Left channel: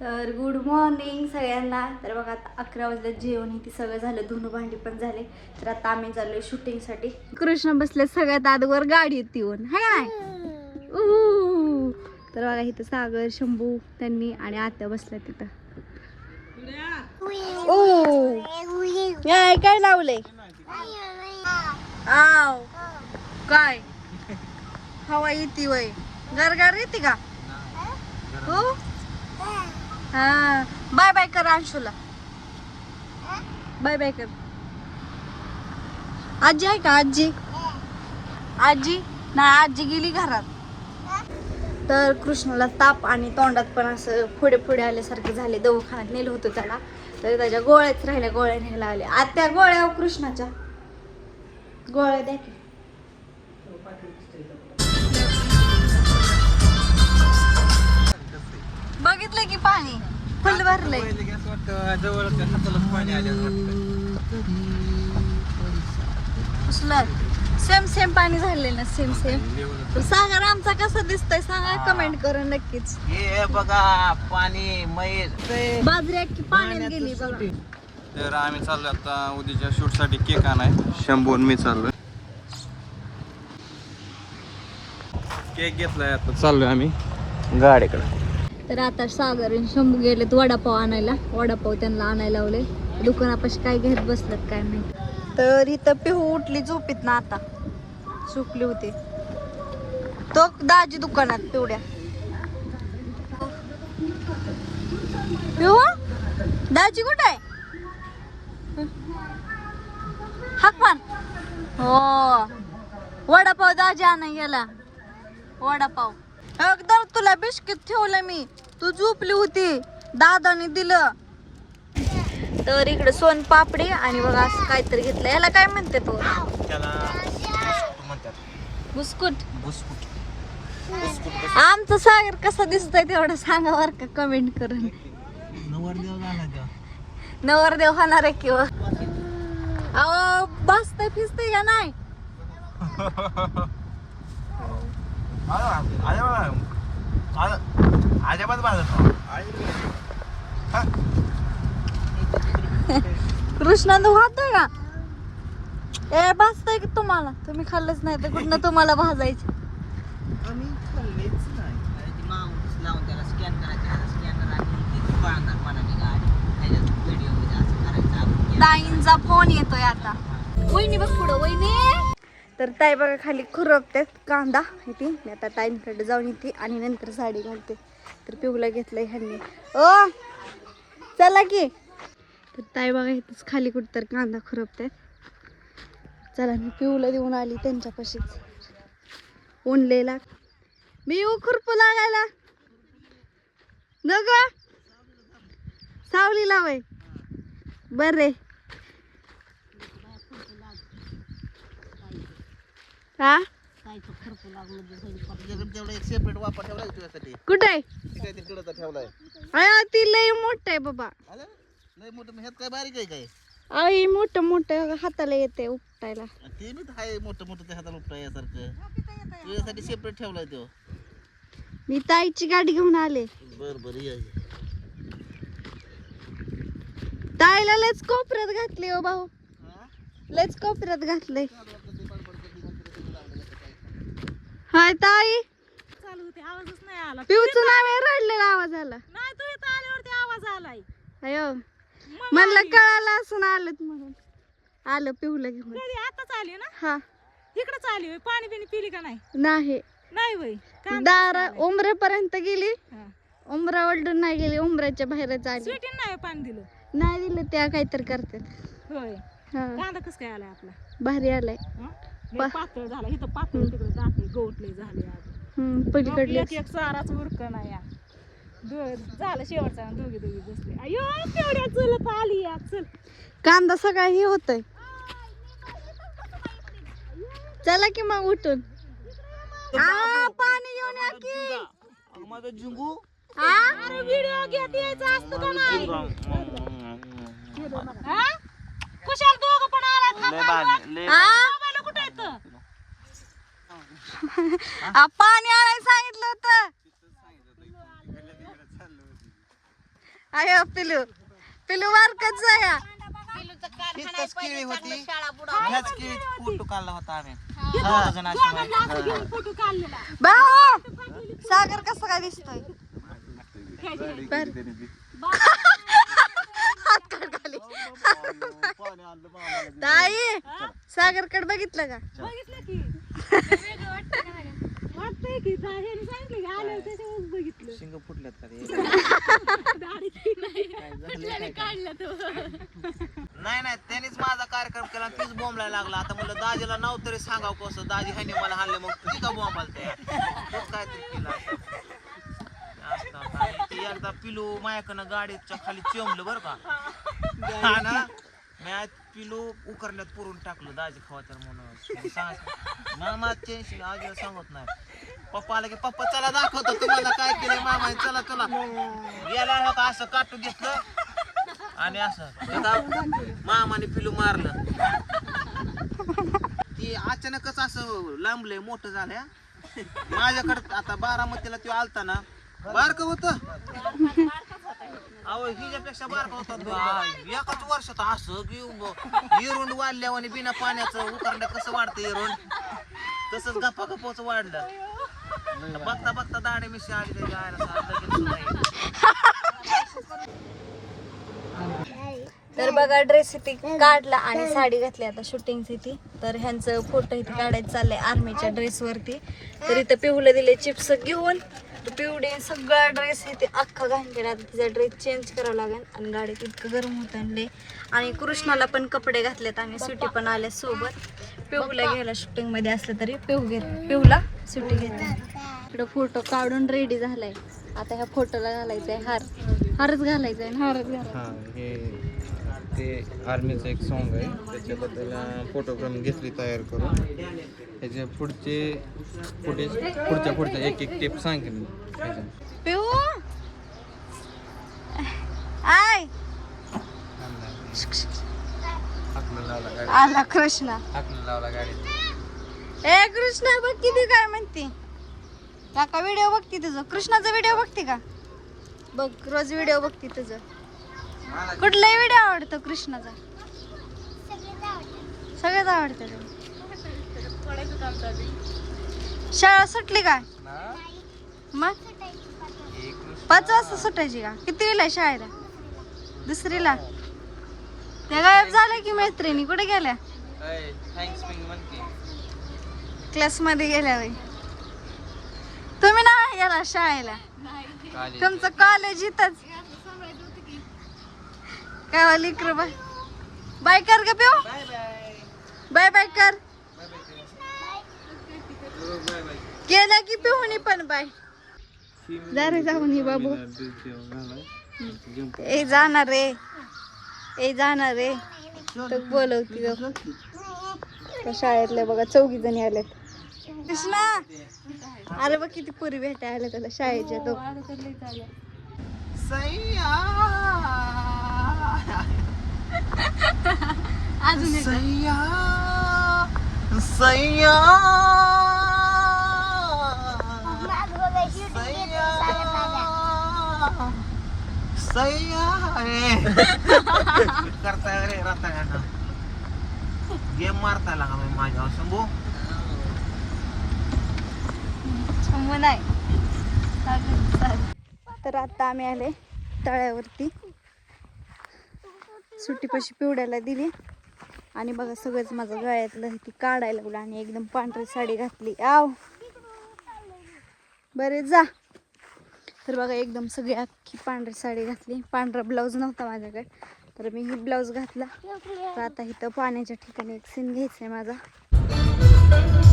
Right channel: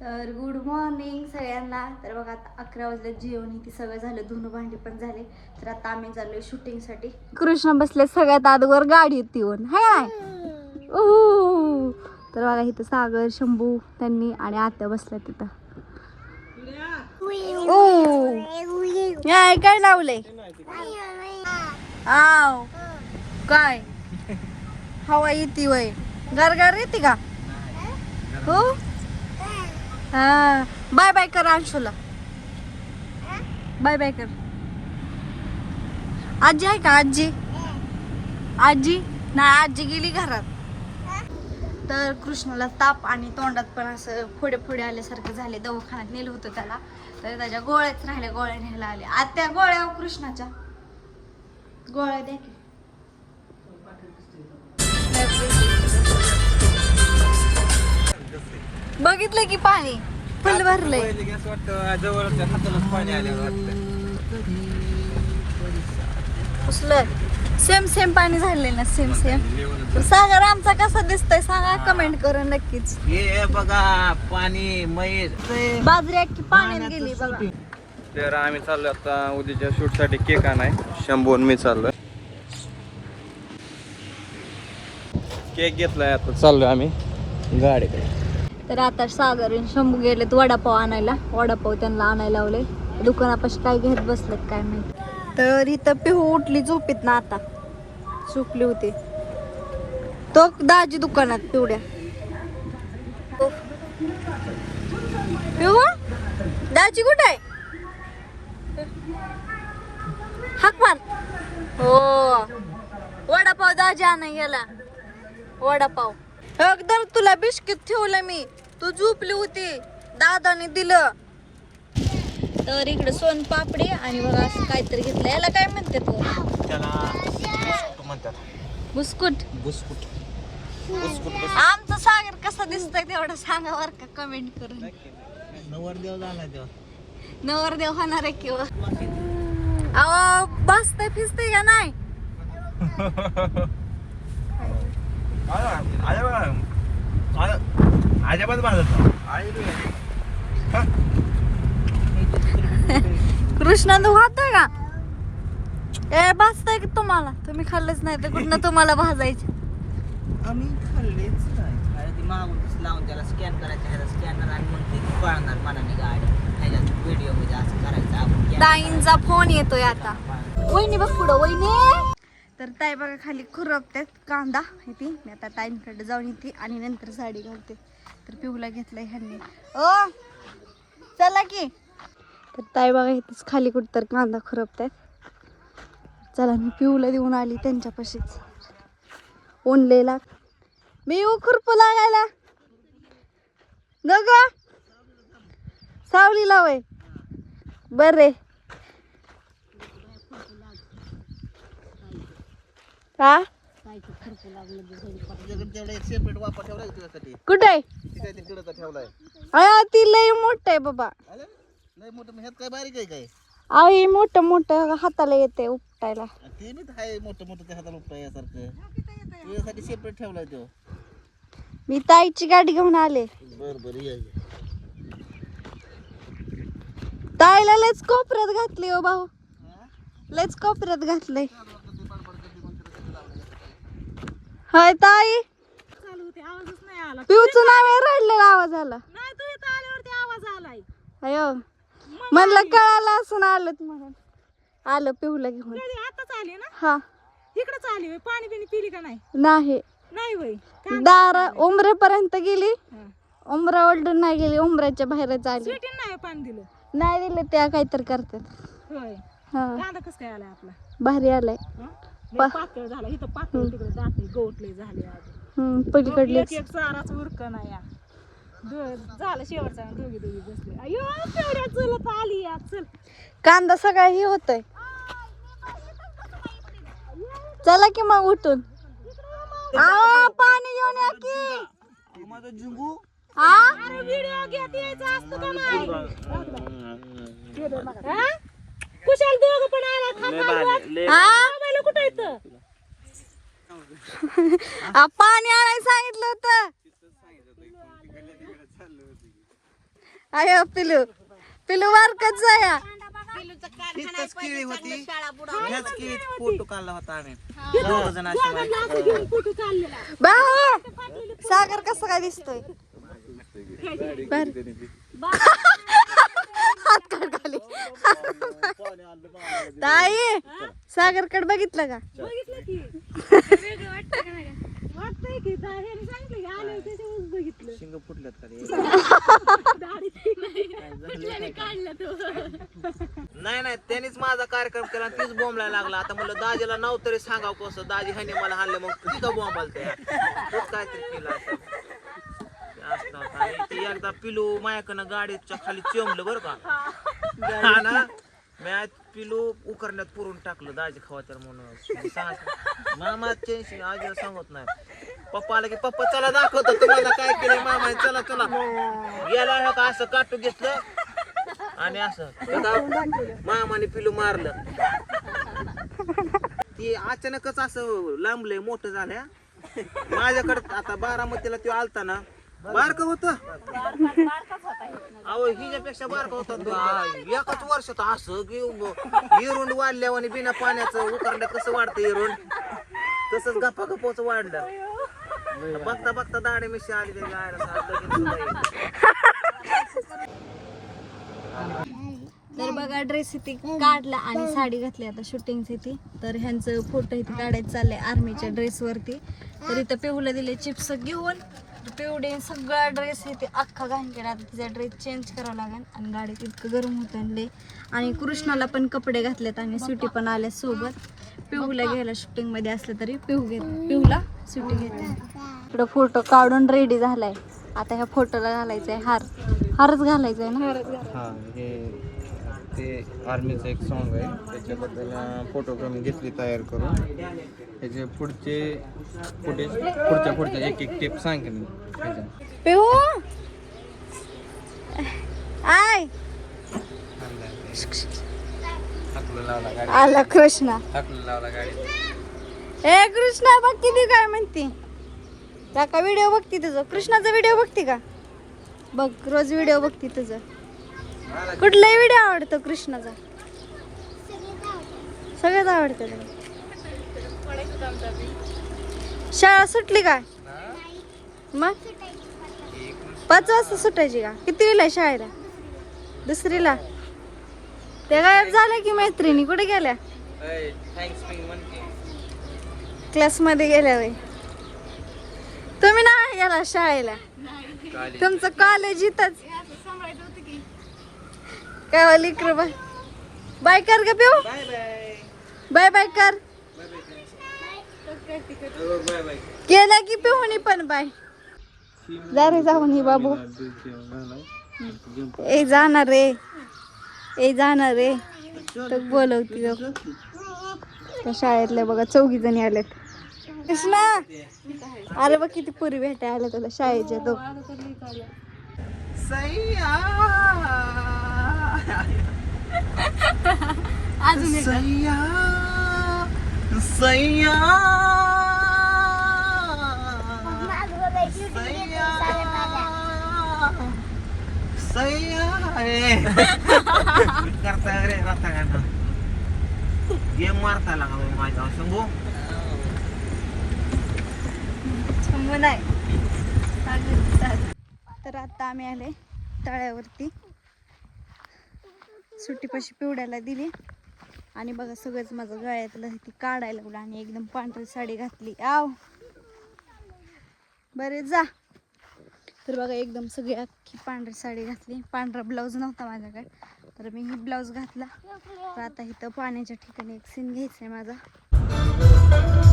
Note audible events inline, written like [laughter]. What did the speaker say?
तर good morning सगळ्यांना. तर बघा आता अकरा वाजता जेवण हे ते सगळं झालं धुणं भांडी पण झाले. तर आता आम्ही चाललोय शूटिंगसाठी कृष्ण बसले सगळ्यात आदवर गाडीत येऊन हाय. तर बघा इथं सागर शंभू त्यांनी आणि आत्या बसल्या तिथं. काय लावलंय? आव. काय? हवा येते वय. गारगार येते का? हो? हा. बाय बाय कर अंशूला बाय बाय कर. आजी आहे का आजी? आजी? नाही आजी गेली घरात. तर कृष्णाला ताप आणि तोंडात पण असं पुढे पुढे आल्यासारखं झाले. दवाखान्यात नेलं होतं त्याला. तर त्याच्या गोळ्याच राहिल्या गोळ्या न्यायला आल्या. आत्या गोळ्या हो कृष्णाच्या. गोळ्या द्या बघितलं की पाणी. फुल भरलंय. उचलय. सेम सेम पाणी झाले ना सेम. सेम सागर आमचा कसा दिसतोय सांगा कमेंट करून नक्कीच. हे बघा पाणी मयूर बाजरी अख्खी पाण्यात गेली बघा. तर आम्ही चाललो आता उद्याच्या शूटसाठी केक आणाय. शंभून मी चाललोय. केक घेतलाय आता चाललोय आम्ही गाडीकडे. तर आता सागर आणि शंभू गेलेत वडापाव आणायला. वडापाव त्यांना आणायला लावले. दुकानापाशी काय घेत बसलेत काय माहिती. तर इथं पिहू उठली झोपेत ना आता. झोपली होती. तो दाजी दुकानात पिवड्या. पिहू दाजी कुठे आहे? हाक मार. हो. वडापाव दाजी आणाय गेला. वडापाव. एकदम तुला बिस्किट ठेवलं मी. तू झोपली होती. दादाने दिलं. तर इकडे सोन पापडी आणि बघा असं काहीतरी घेतलं. याला काय म्हणते तू? त्याला बुस्कुट बुस्कुट? बुस्कुट. आमचं सागर कसं दिसतंय तेवढं सांगा बर का कमेंट करून. नवरदेव होणार आहे किंवा अहो बसते फिसते का नाही? [laughs] अजिबात बांधत कृष्णा तू खातोय का? ए भाजतंय की तुम्हाला? तुम्ही खाल्लंच नाही तर कुठं तुम्हाला भाजायचं. आम्ही खाल्लेच नाही. लावून त्याला स्कॅन करायचं ह्याला स्कॅनर आणि मग ते पळणार मनाने गाडी. त्याच्यात व्हिडिओमध्ये असं करायचं आपण ताईंचा फोन येतोय आता. वहिनी बघ पुढं वहिनी. तर ताई बघा खाली खुरपतात कांदा इथे. मी आता ताईंकडे जाऊन येते आणि नंतर साडी घालते. तर पिऊला घेतलंय ह्यांनी. ओ चला की. तर ताई बघा इथंच खाली कुठं तर कांदा खुरपतात चला मी पिऊला देऊन आली त्यांच्यापाशीच. ओनलेला मी येऊ खुरपू लागायला. न ग सावली वय. बरे हा? वापर कुठे? आहे ती लय मोठं आहे बाबा. लय मोठं ह्यात काय बारीक आहे काय अहो हे मोठं हाताला येते उपटायला. ते मी आहे मोठं मोठं त्या हाताला उपटाय यासारखं तुझ्यासाठी सेपरेट ठेवलाय तो मी ताईची गाडी घेऊन आले. बर बर ताईला लयच कोपऱ्यात घातली हो भाऊ. लयच कोपऱ्यात घातलंय. होय ताई. चालू होते आवाजच नाही आला. पिऊचं नाव रडलेला आवाज आला नाही तू इथं आल्यावरती आवाज आलाय. अयो म्हणलं कळालं असं आलं म्हणून. आलं पिऊला घेऊन. आताच आली ना? हा. इकडंच आली होय पाणी बिणी पिली का नाही? नाही. नाही वय दार उमरेपर्यंत गेली. हा. उमरा ओलडून नाही गेली उमराच्या बाहेरच आली. स्वीटीन नाही पाणी दिलं. नाही दिलं त्या काहीतरी करतात. होय. हा. कांदा कस काय आलाय आपला? भारी आलाय. हा? लय पातळ झाला. इथं पातळ तिकडे दाखल गवटले झाले आज. हम्म पलीकडले एक एक चाराच उरक नाही या. दो- झालं शेवटचा दोघी दोघी बसले. अयो तेवढ्या चलत आली या. चल. कांदा सगळा ही होतोय. चला की मग उठून. आ, पाणी घेऊन या की. माझा जिंगू हा? अरे व्हिडिओ घेत यायचा असतो का नाही? हा? कुशाल दोघं पण आला थांबा मोबाईल कुठं येतं आ, पाणी आणायला सांगितलं होतं. आयो पिलू. पिलू वारकत जाया. इतकंच केळी होती. याच केळीत फोटो काढला होता आम्ही. दोघं जण अशी वाईट. फोटो काढलेला. भाऊ [laughs] सागर कसा काय दिसतोय? हात काढ खाली. ताई. सागर कड बघितलं का? [laughs] बघितलं की. वाटतंय की जा- ह्याने सांगितलं की आल्यावर त्याच्यावरच बघितलं. शिंग फुटल्यात का? [laughs] दाढी [laughs] नाही काढलं तो. नाही. नाही त्यांनीच माझा कार्यक्रम केला तीच बॉम्बला लागला. आता म्हणलं दाजीला नाव तरी सांगाव कसं? दाजी ह्याने मला हाणलं मग तुझी का बॉम्ब आलते तूच काहीतरी केलं असं. ते एकदा पिलू मायाकडनं गाडीच्या खाली चिमलं बरं का. हा ना? मी आज पिलू उकरण्यात पुरून टाकलं दाजी खवातर म्हणून. सांग मामा टेन्शन आजीला सांगत नाही. पप्पा आला की पप्पा चला दाखवतो तुम्हाला काय केलं मामा चला चला. गेला होता असं काटू घेतलं आणि असं मामाने पिलू मारलं. ती अचानकच असं लांबलंय मोठं झाल्या. माझ्याकडे आता बारामतीला तो आलता ना बारक होत? अहो हिच्यापेक्षा बारका होता तो. एकाच वर्षात असं की इरुंड वाढल्यावर आणि बिना पाण्याचं उकरण्यात कसं वाढतं इरुंड? तसंच गप्पा गप्पाच वाढलं. बघता बघता दाढी मिशी आली. तर बघा ड्रेस इथे काढला आणि साडी घातली आता शूटिंग इथे. तर ह्यांचं फोटो इथे काढायचं चाललंय आर्मीच्या ड्रेसवरती तर इथं पिवलं दिले चिप्स घेऊन. पिवडे सगळा ड्रेस इथे अख्खा घाण केला आता तिचा ड्रेस चेंज करावा लागेल आणि गाडीत इतकं गरम होत आणले आणि कृष्णाला पण कपडे घातलेत आणि सुटी पण आले सोबत. पिहूला घ्यायला शूटिंगमध्ये असलं तरी पिहू घेत पिहूला सुटी घेते इकडं फोटो काढून रेडी झालाय. आता ह्या फोटोला घालायचंय हार. हारच घालायचंय ना? हा हे ते आर्मीचं एक सॉन्ग आहे. त्याच्याबद्दल फोटो पण घेतली तयार करून. त्याचे पुढचे फुटेज पुढच्या पुढच्या एक एक टिप सांगेन मी पिऊ? आय! आला कृष्णा. ए कृष्णा बघते ती काय म्हणते? का व्हिडिओ बघते तुझं? कृष्णाचा व्हिडिओ बघते का? बघ रोज व्हिडिओ बघते तुझं. कुठलाही व्हिडिओ आवडतो कृष्णाचा. सगळ्यात आवडतं. शाळा सुटली काय? मग? पाच वाजता सुटायची का? कितवीला आहे शाळेला? दुसरीला? त्या गायब झाल्या की मैत्रिणी? कुठे गेल्या? क्लासमध्ये गेल्या वय तुम्ही ना गेला शाळेला? तुमचं कॉलेज इथंच. काय वाली इकडं बाय. बाय कर ग पिऊ. Bye bye. कर. केलं की पिऊनी पण बाय. जा रे जाऊन ही बाबू. ए जाणार रे. ए जाणार रे. बोलवती शाळेतले बघा चौघी जणी आलेत. कृष्णा. अरे बघ किती पुरी भेटाय आल्या तुला शाळेच्या तो [laughs] अजून एक सैया सैया. सैया. करता रे राता गेम मारता लागा माझ्या शंभू. थांबू नाही. तर आता आम्ही आले तळ्यावरती. सुट्टीपाशी पिवड्याला दिली. आणि बघा सगळंच माझं गळ्यातलं ती काढायला लागलं आणि एकदम पांढरी साडी घातली. आव. बरे जा. तर बघा एकदम सगळी अख्खी पांढरी साडी घातली. पांढरा ब्लाऊज नव्हता माझ्याकडे. तर मी ही ब्लाऊज घातला. तर आता इथं पाण्याच्या ठिकाणी एक सीन घ्यायचा आहे माझा.